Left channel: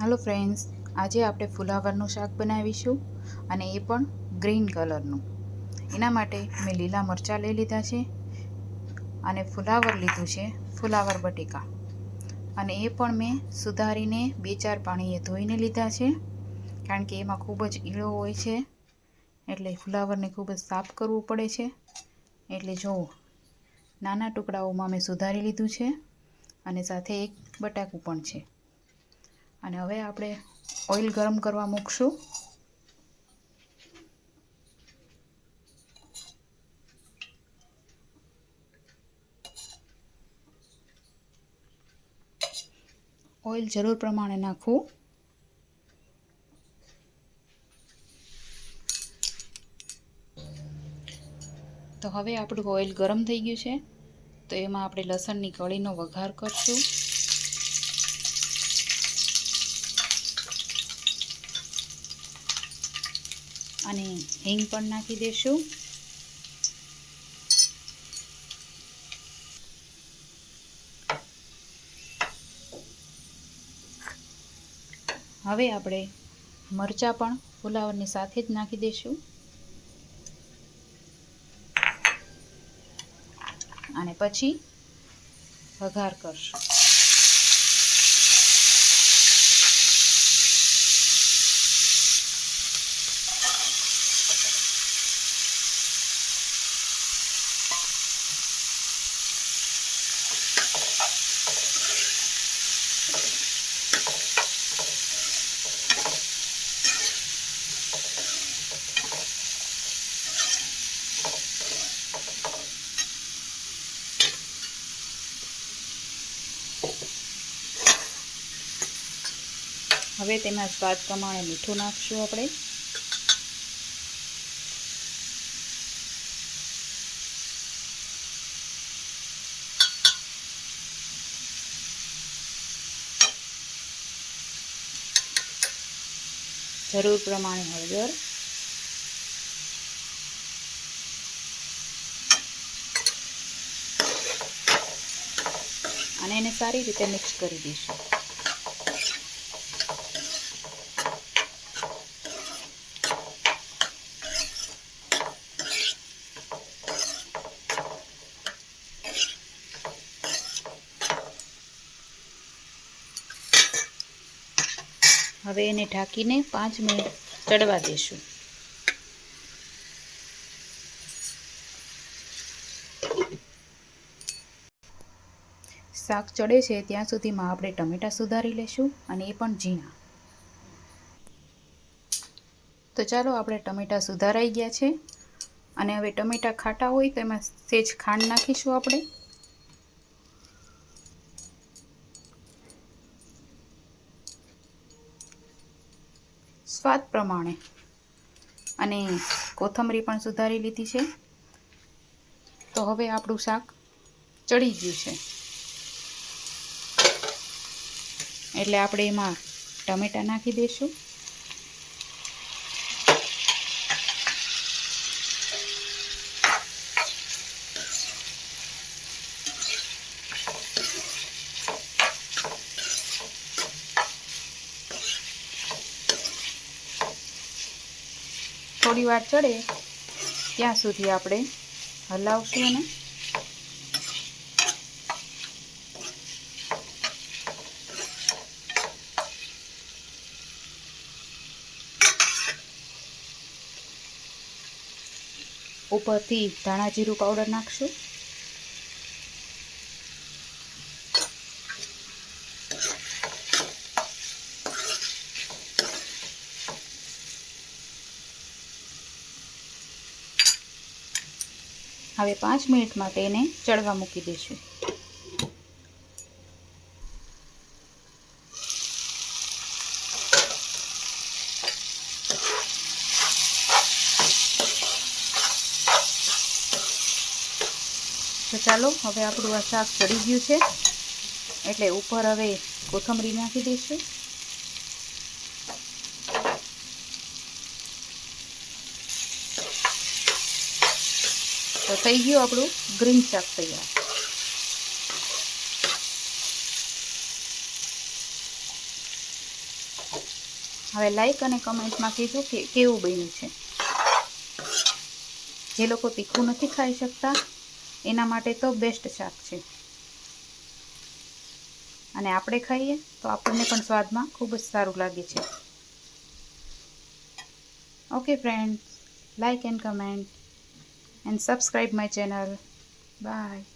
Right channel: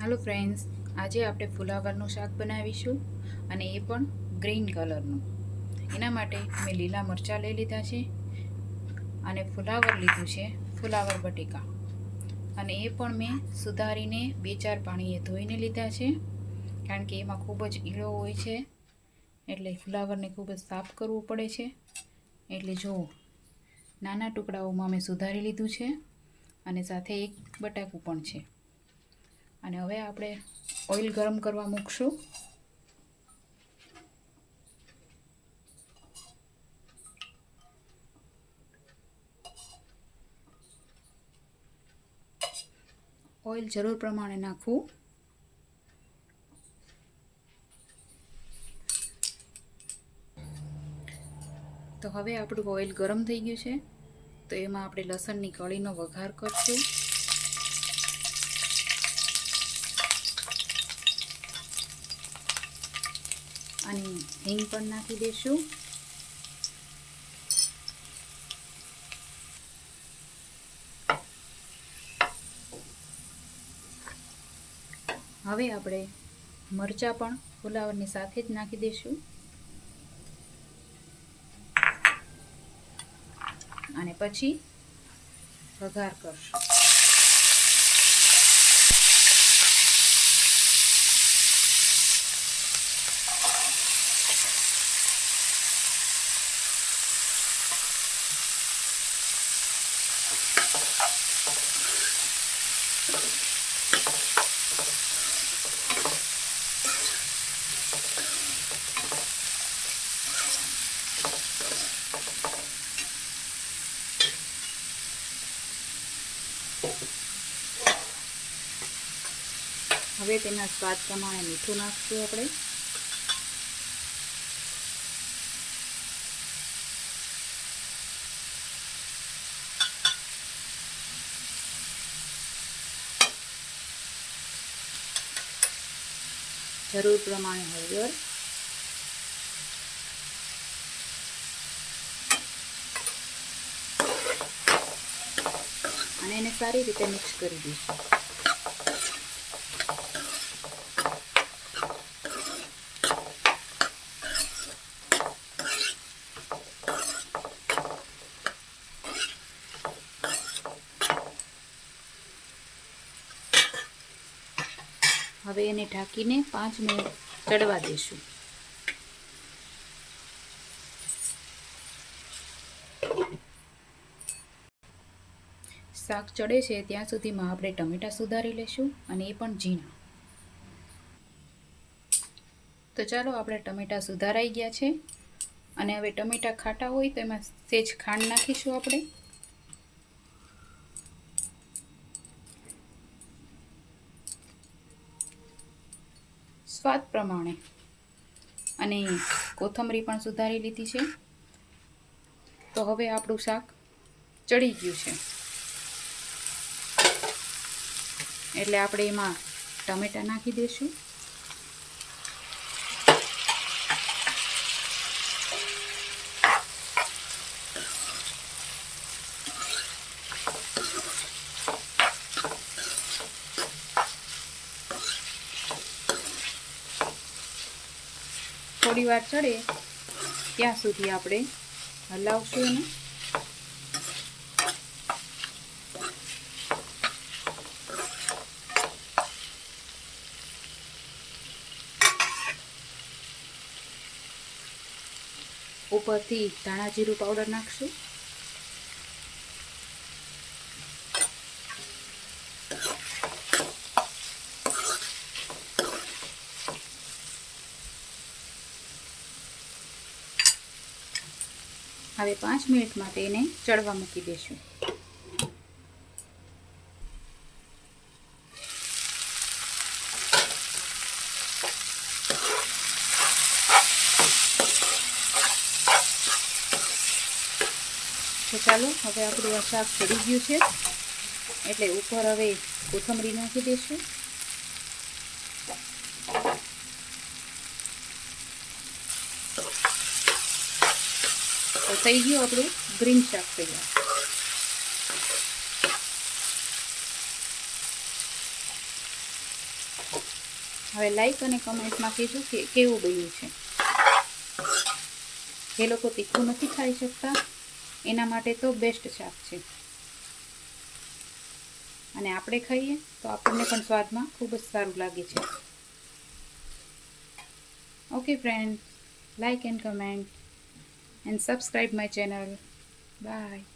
Hello friends, आज आपणे फुलावरનું શાક બનાવીશું અને એ પણ ગ્રીન કલરનું। એના માટે મેં લીલા મરચાં લઈ લીધા છે અને ફુલાવર લીધું છે, ફુલાવર બટેકા, અને એ પણ મેં સુધારીને 2-4 પાણીએ ધોઈને લીધા છે, કારણ કે એમાં ખૂબ જ ઈળો હોય છે, એટલે ફુલાવરને ખૂબ જ સાફ કરવું પડે છે। એટલે જો નાના ટુકડાઓમાં મેં સુધારી લીધું છે અને સાથે એક બટાકું પણ છે। અને હવે આપણે ઓઇલ ગરમ કરવા મૂકશું। ઓઇલ જરૂર પ્રમાણે નાખવું। તો હવે આપણું ઓઇલ ગરમ થઈ ગયું છે, તો એમાં આપણે લસણની કળીનો વઘાર કરશું। અને હિંગ પણ નાખી દેશું। હવે આપણે મરચાં પણ ફુલાવરની સાથે જ નાખી દઈશું અને પછી વઘાર કરશું। હવે તેમાં સ્વાદ પ્રમાણે મીઠું નાખશું આપણે। જરૂર પ્રમાણે હળદર, અને એને સારી રીતે મિક્સ કરી દઈશું। હવે એને ઢાંકીને 5 મિનિટ ચડવા દઈશું। શાક ચડે છે ત્યાં સુધીમાં આપણે ટમેટાં સુધારી લેશું, અને એ પણ ઝીણા। તો ચાલો, આપણે ટમેટાં સુધારાઈ ગયા છે, અને હવે ટમેટાં ખાટા હોય તો એમાં સહેજ ખાંડ નાખીશું આપણે, સ્વાદ પ્રમાણે, અને કોથમરી પણ સુધારી લીધી છે। તો હવે આપણું શાક ચડી ગયું છે, એટલે આપણે એમાં ટમેટાં નાખી દઈશું। થોડી વાર ચડે ત્યાં સુધી આપણે હલાવશું એને। ઉપરથી ધાણા જીરું પાવડર નાખશું। હવે 5 મિનિટ માટે એને ચડવા મૂકી દઈશું। તો ચાલો, હવે આપણું આ શાક ચડી ગયું છે, એટલે ઉપર હવે કોથમરી નાખી દઈશું। તો થઈ ગયું આપણું ગ્રીન શાક તૈયાર। હવે લાઈક અને કમેન્ટમાં કહેજો કે કેવું બન્યું છે. જે લોકો તીખું નથી ખાઈ શકતા એના માટે તો બેસ્ટ શાક છે, અને આપણે ખાઈએ તો આપણને પણ સ્વાદમાં ખૂબ જ સારું લાગે છે. Okay friends, like and comment and subscribe my channel. Bye.